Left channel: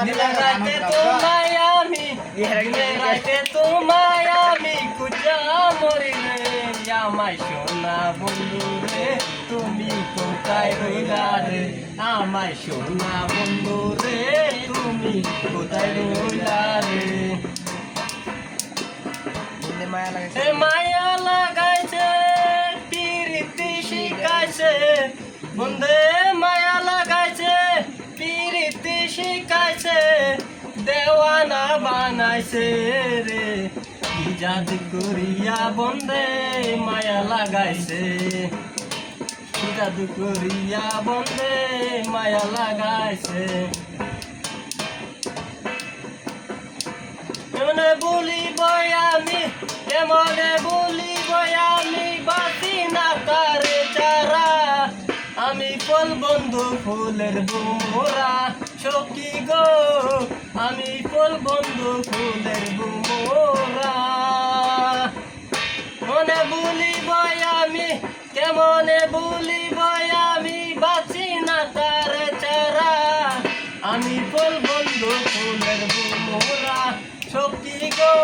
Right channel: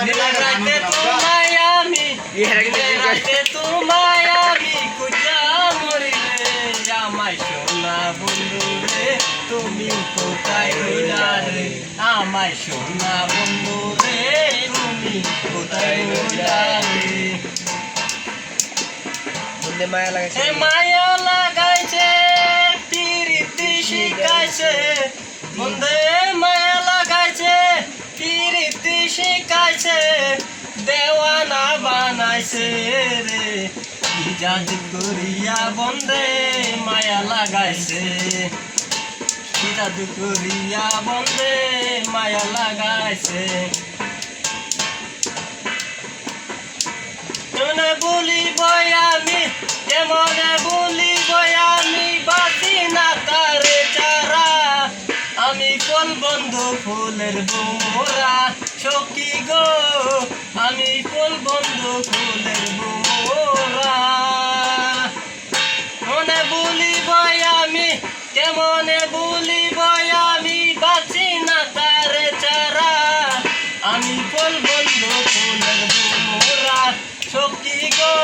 রাতে তোমায় আমি রাতে তোমায় আমি কুজা মরিলে আমায় সোনা বন্ধু রে তুমি কোথায় রইলা রে আমায় সোনা বন্ধু রে তুমি কোথায় রইলা রে মায়া লাগাইছে মায়া লাগাইছে পিরিতি শিখাইছে বন্ধে বানাইছে রে। জাতি করিয়া বন্ধে মায়া লাগাইছে। কি করিয়া বন্ধে মায়া লাগাইছে। কেমনে বলিব আমি? কেমনে বলিব আমি? বাসি না তারে চারা আমি কোন বন্ধু ফুলের বুমোরা? আমি কোন বন্ধু ফুলের বুমোরা মনে বলিব আমি কেমনে বলিব আমি বাসি না তারে চারা। আমি কোন বন্ধু ফুলের বুমোরা সখী গো?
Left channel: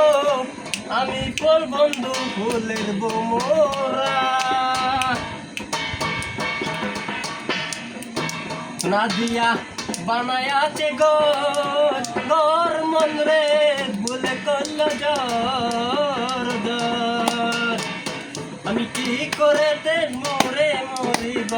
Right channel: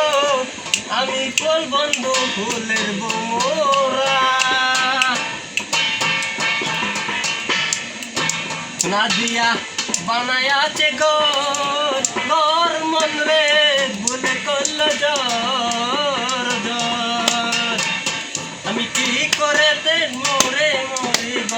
আমি কোন বন্ধু ফুলের বুমোরা নাদিয়া বানায় আছে গর গর মন রে ভুলে করল আমি কি করে তে মোরে মরিব?